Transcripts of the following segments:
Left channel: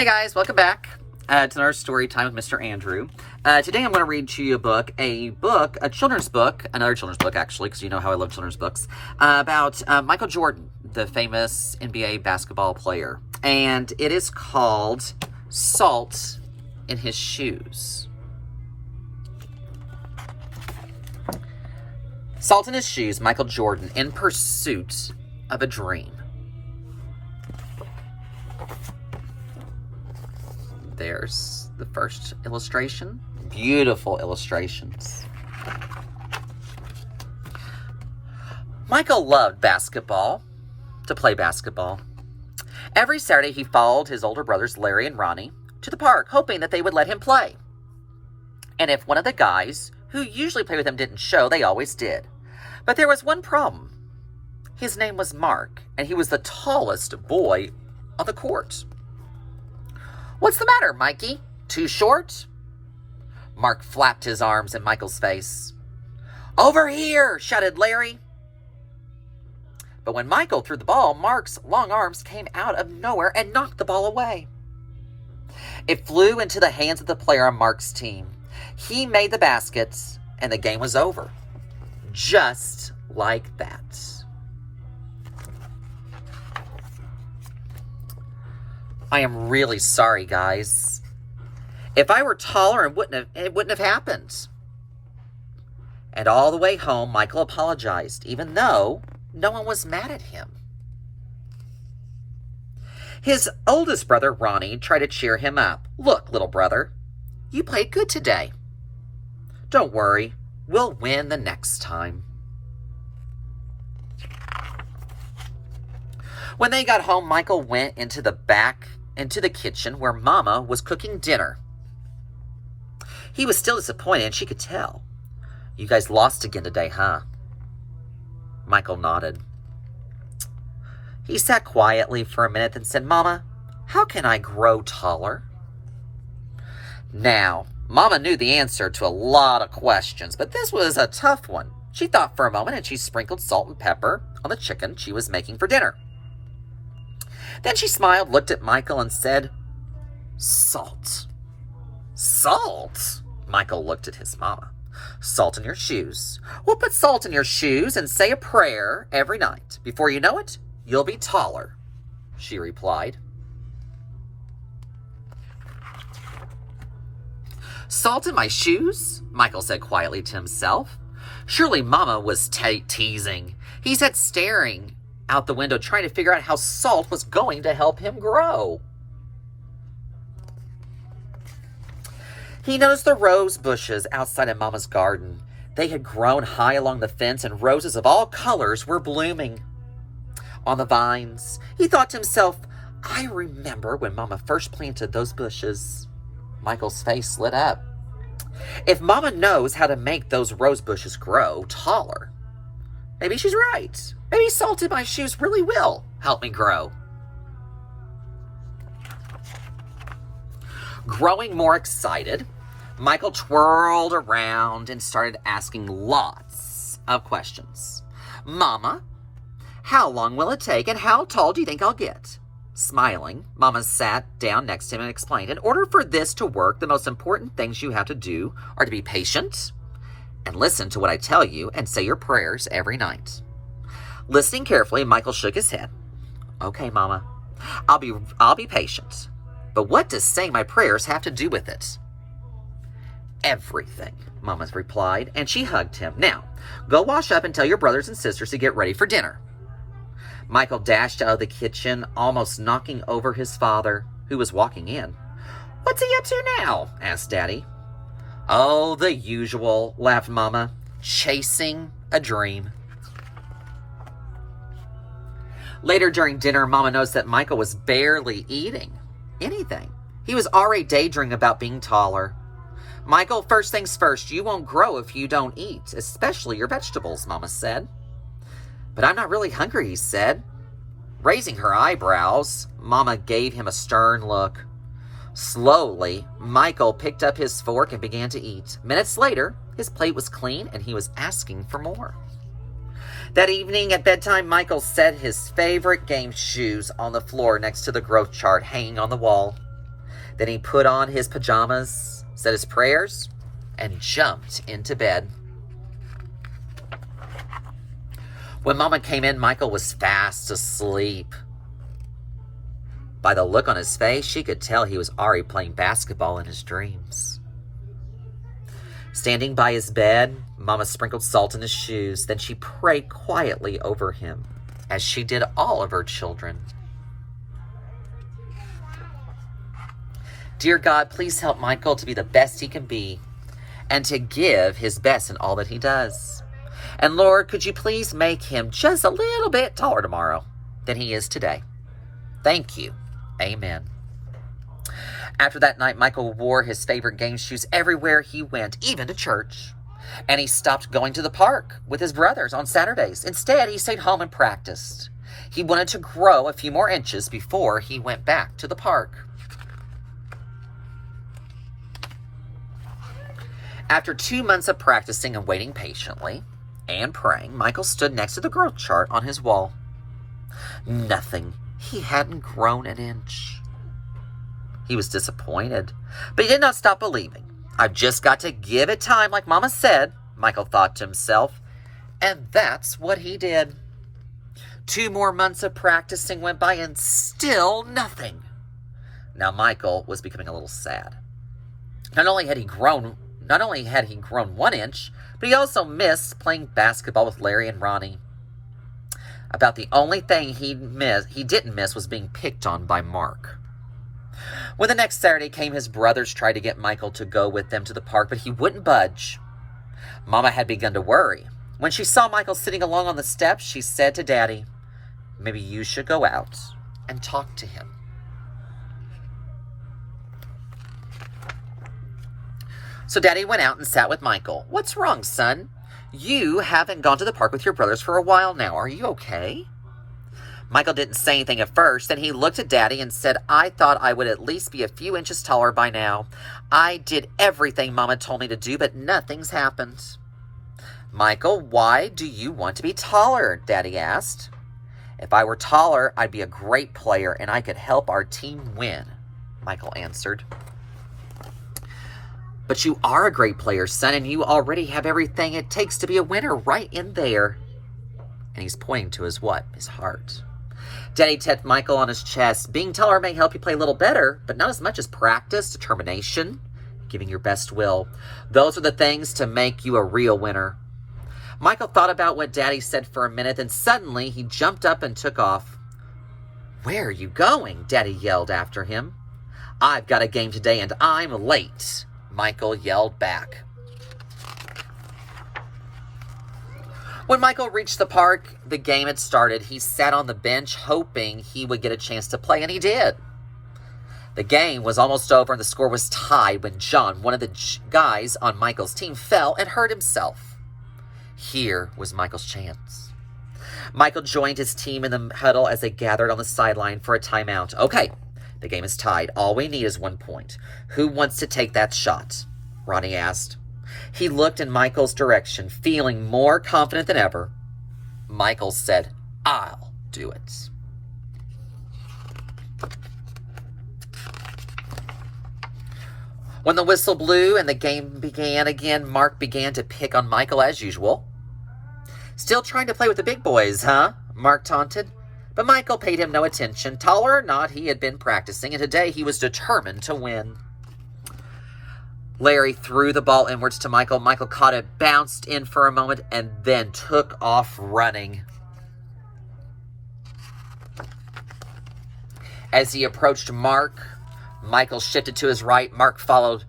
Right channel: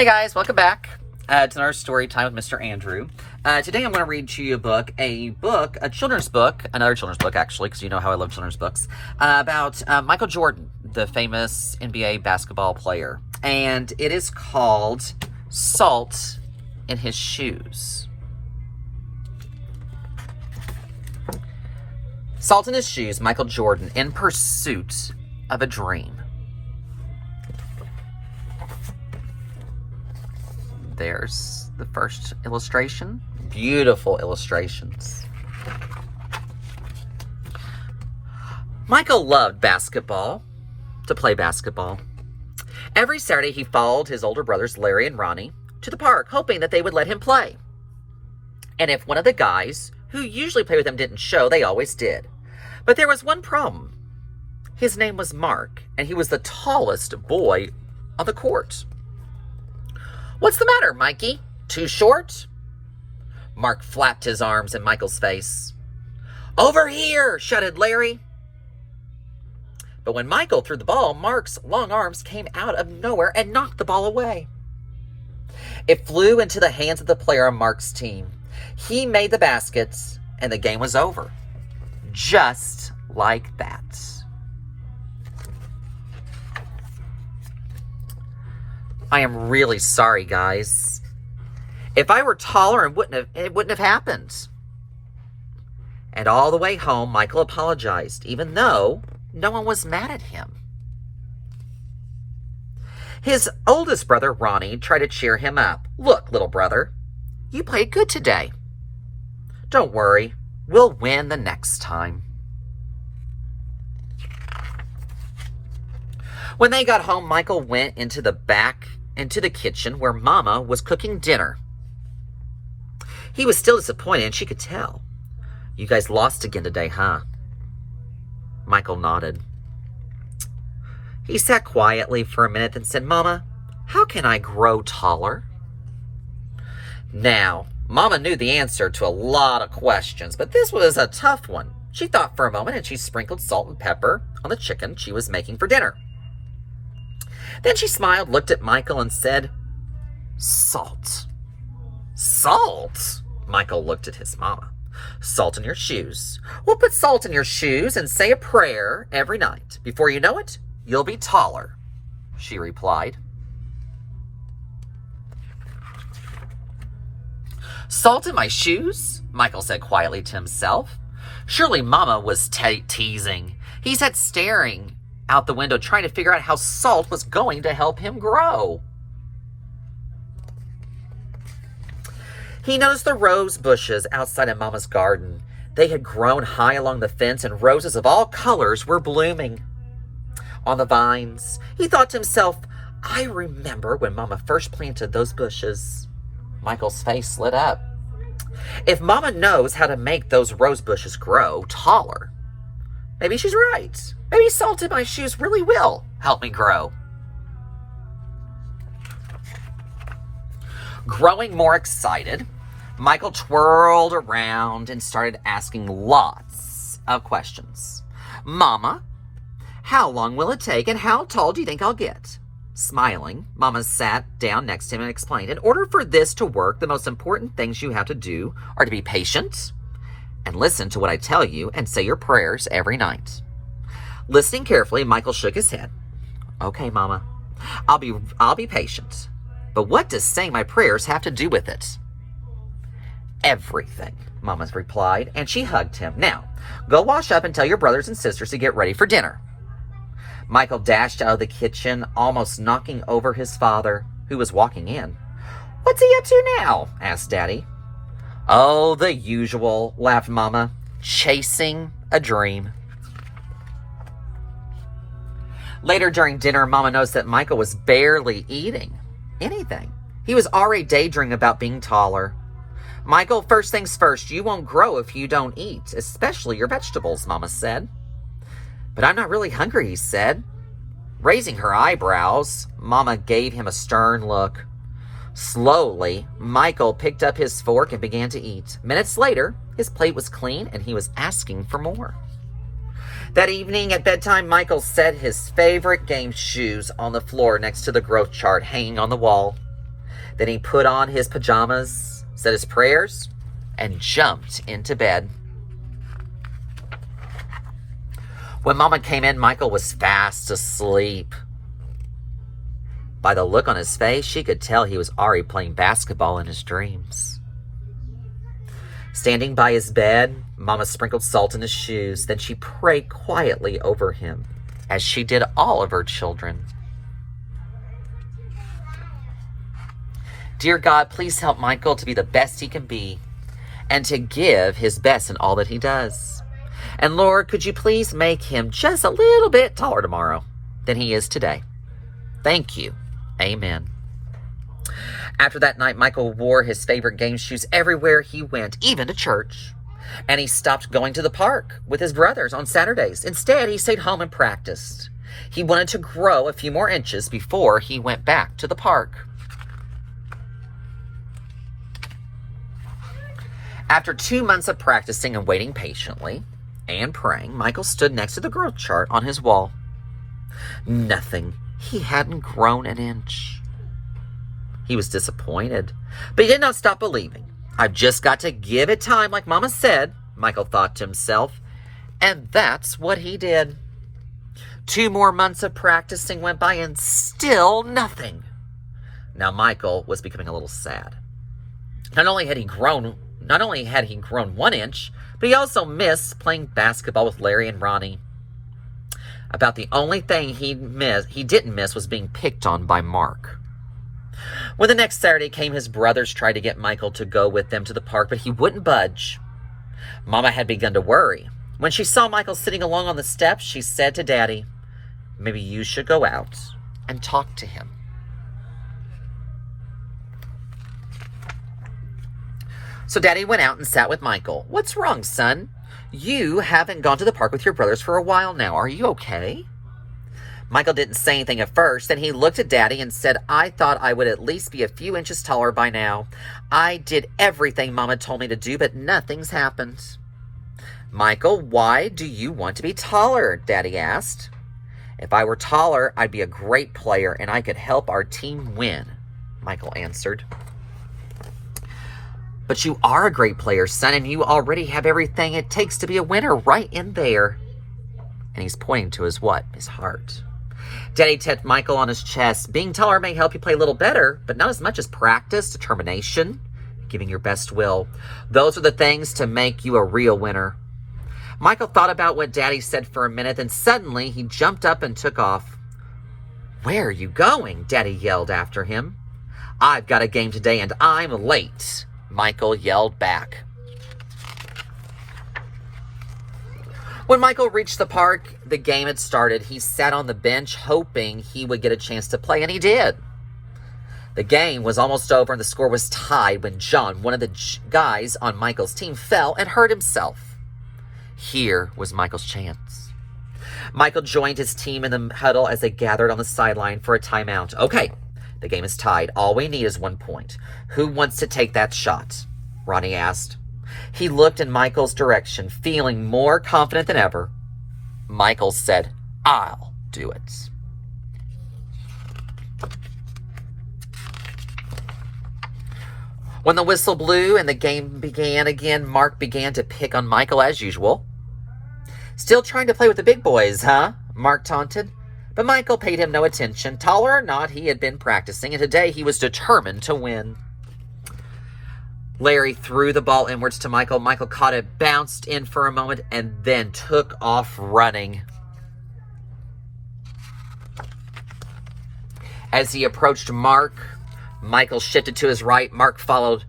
Hey guys, welcome back to another story time with Mr. Andrew. Today I'm going to read to you a children's book, another children's book actually, because you know how I love children's books, about Michael Jordan, the famous NBA basketball player. And it is called Salt in His Shoes. Salt in His Shoes, Michael Jordan, in pursuit of a dream. There's the first illustration. Beautiful illustrations. Michael loved to play basketball. Every Saturday he followed his older brothers, Larry and Ronnie, to the park, hoping that they would let him play. And if one of the guys who usually played with him didn't show, they always did. But there was one problem. His name was Mark, and he was the tallest boy on the court. "What's the matter, Mikey? Too short?" Mark flapped his arms in Michael's face. "Over here!" shouted Larry. But when Michael threw the ball, Mark's long arms came out of nowhere and knocked the ball away. It flew into the hands of the player on Mark's team. He made the baskets, and the game was over. Just like that. I am really sorry, guys. If I were taller, it wouldn't have happened. And all the way home, Michael apologized, even though no one was mad at him. His oldest brother, Ronnie, tried to cheer him up. "Look, little brother, you played good today. Don't worry, we'll win the next time." When they got home, Michael went into the kitchen where Mama was cooking dinner. He was still disappointed, and she could tell. "You guys lost again today, huh?" Michael nodded. He sat quietly for a minute and said, "Mama, how can I grow taller?" Now, Mama knew the answer to a lot of questions, but this was a tough one. She thought for a moment, and she sprinkled salt and pepper on the chicken she was making for dinner. Then she smiled, looked at Michael, and said, "Salt." "Salt?" Michael looked at his mama. "Salt in your shoes. We'll put salt in your shoes and say a prayer every night. Before you know it, you'll be taller," she replied. "Salt in my shoes?" Michael said quietly to himself. Surely Mama was teasing. He sat staring out the window, trying to figure out how salt was going to help him grow. He noticed the rose bushes outside of Mama's garden. They had grown high along the fence, and roses of all colors were blooming on the vines. He thought to himself, "I remember when Mama first planted those bushes." Michael's face lit up. If Mama knows how to make those rose bushes grow taller, maybe she's right. Maybe salt in my shoes really will help me grow. Growing more excited, Michael twirled around and started asking lots of questions. "Mama, how long will it take, and how tall do you think I'll get?" Smiling, Mama sat down next to him and explained, "In order for this to work, the most important things you have to do are to be patient and listen to what I tell you and say your prayers every night." Listening carefully, Michael shook his head. "Okay, Mama, I'll be patient. But what does saying my prayers have to do with it?" "Everything," Mama replied, and she hugged him. "Now, go wash up and tell your brothers and sisters to get ready for dinner." Michael dashed out of the kitchen, almost knocking over his father, who was walking in. "What's he up to now?" asked Daddy. "Oh, the usual," laughed Mama. "Chasing a dream." Later during dinner, Mama noticed that Michael was barely eating anything. He was already daydreaming about being taller. "Michael, first things first, you won't grow if you don't eat, especially your vegetables," Mama said. "But I'm not really hungry," he said. Raising her eyebrows, Mama gave him a stern look. Slowly, Michael picked up his fork and began to eat. Minutes later, his plate was clean and he was asking for more. That evening at bedtime, Michael set his favorite game shoes on the floor next to the growth chart hanging on the wall. Then he put on his pajamas, said his prayers, and jumped into bed. When Mama came in, Michael was fast asleep. By the look on his face, she could tell he was already playing basketball in his dreams. Standing by his bed, Mama sprinkled salt in his shoes. Then she prayed quietly over him, as she did all of her children. Dear God, please help Michael to be the best he can be and to give his best in all that he does. And Lord, could you please make him just a little bit taller tomorrow than he is today? Thank you. Amen. After that night, Michael wore his favorite game shoes everywhere he went, even to church. And he stopped going to the park with his brothers on Saturdays. Instead, he stayed home and practiced. He wanted to grow a few more inches before he went back to the park. After 2 months of practicing and waiting patiently and praying, Michael stood next to the growth chart on his wall. Nothing. He hadn't grown an inch. He was disappointed, but he did not stop believing. I've just got to give it time, like Mama said, Michael thought to himself. And that's what he did. 2 more months of practicing went by and still nothing. Now Michael was becoming a little sad. Not only had he grown 1 inch, but he also missed playing basketball with Larry and Ronnie. About the only thing he didn't miss was being picked on by Mark. When the next Saturday came, his brothers tried to get Michael to go with them to the park, but he wouldn't budge. Mama had begun to worry. When she saw Michael sitting along on the steps, she said to Daddy, maybe you should go out and talk to him. So Daddy went out and sat with Michael. What's wrong, son? You haven't gone to the park with your brothers for a while now. Are you okay? Michael didn't say anything at first. Then he looked at Daddy and said, I thought I would at least be a few inches taller by now. I did everything Mama told me to do, but nothing's happened. Michael, why do you want to be taller? Daddy asked. If I were taller, I'd be a great player and I could help our team win, Michael answered. But you are a great player, son, and you already have everything it takes to be a winner right in there. And he's pointing to his what? His heart. Daddy tapped Michael on his chest. Being taller may help you play a little better, but not as much as practice, determination, giving your best will. Those are the things to make you a real winner. Michael thought about what Daddy said for a minute, then suddenly he jumped up and took off. Where are you going? Daddy yelled after him. I've got a game today and I'm late, Michael yelled back. When Michael reached the park, the game had started. He sat on the bench hoping he would get a chance to play, and he did. The game was almost over and the score was tied when John, one of the guys on Michael's team, fell and hurt himself. Here was Michael's chance. Michael joined his team in the huddle as they gathered on the sideline for a timeout. Okay, the game is tied. All we need is 1 point. Who wants to take that shot? Ronnie asked. He looked in Michael's direction, feeling more confident than ever. Michael said, I'll do it. When the whistle blew and the game began again, Mark began to pick on Michael as usual. Still trying to play with the big boys, huh? Mark taunted. But Michael paid him no attention. Taller or not, he had been practicing, and today he was determined to win. Larry threw the ball inwards to Michael. Michael caught it, bounced in for a moment, and then took off running. As he approached Mark, Michael shifted to his right. Mark followed.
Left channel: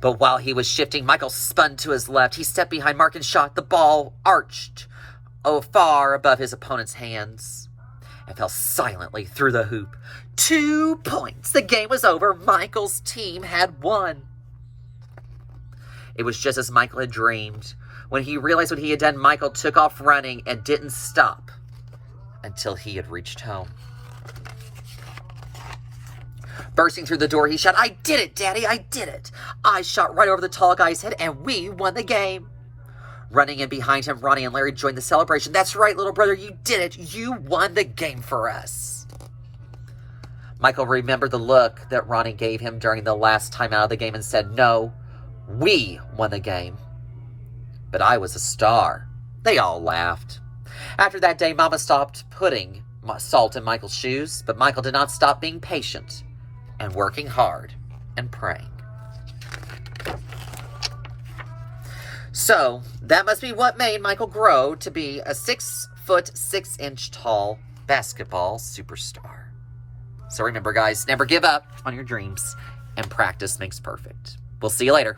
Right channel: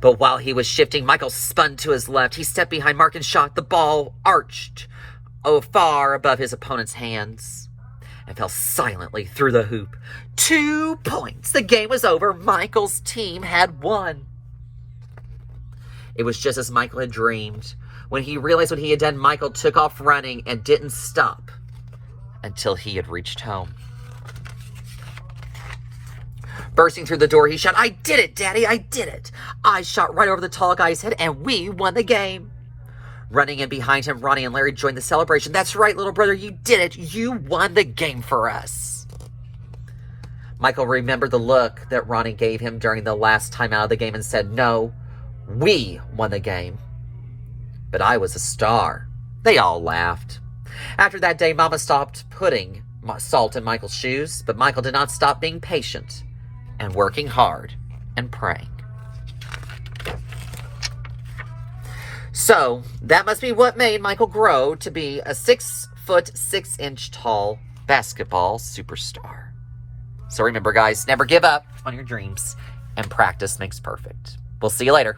But while he was shifting, Michael spun to his left. He stepped behind Mark and shot. The ball arched far above his opponent's hands and fell silently through the hoop. 2 points. The game was over. Michael's team had won. It was just as Michael had dreamed. When he realized what he had done, Michael took off running and didn't stop until he had reached home. Bursting through the door, he shouted, I did it, Daddy, I did it. I shot right over the tall guy's head, and we won the game. Running in behind him, Ronnie and Larry joined the celebration. That's right, little brother, you did it. You won the game for us. Michael remembered the look that Ronnie gave him during the last time out of the game and said, "No, we won the game. But I was a star." They all laughed. After that day, Mama stopped putting salt in Michael's shoes, but Michael did not stop being patient and working hard and praying. So, that must be what made Michael grow to be a 6'6" tall basketball superstar. So remember, guys, never give up on your dreams, and practice makes perfect. We'll see you later.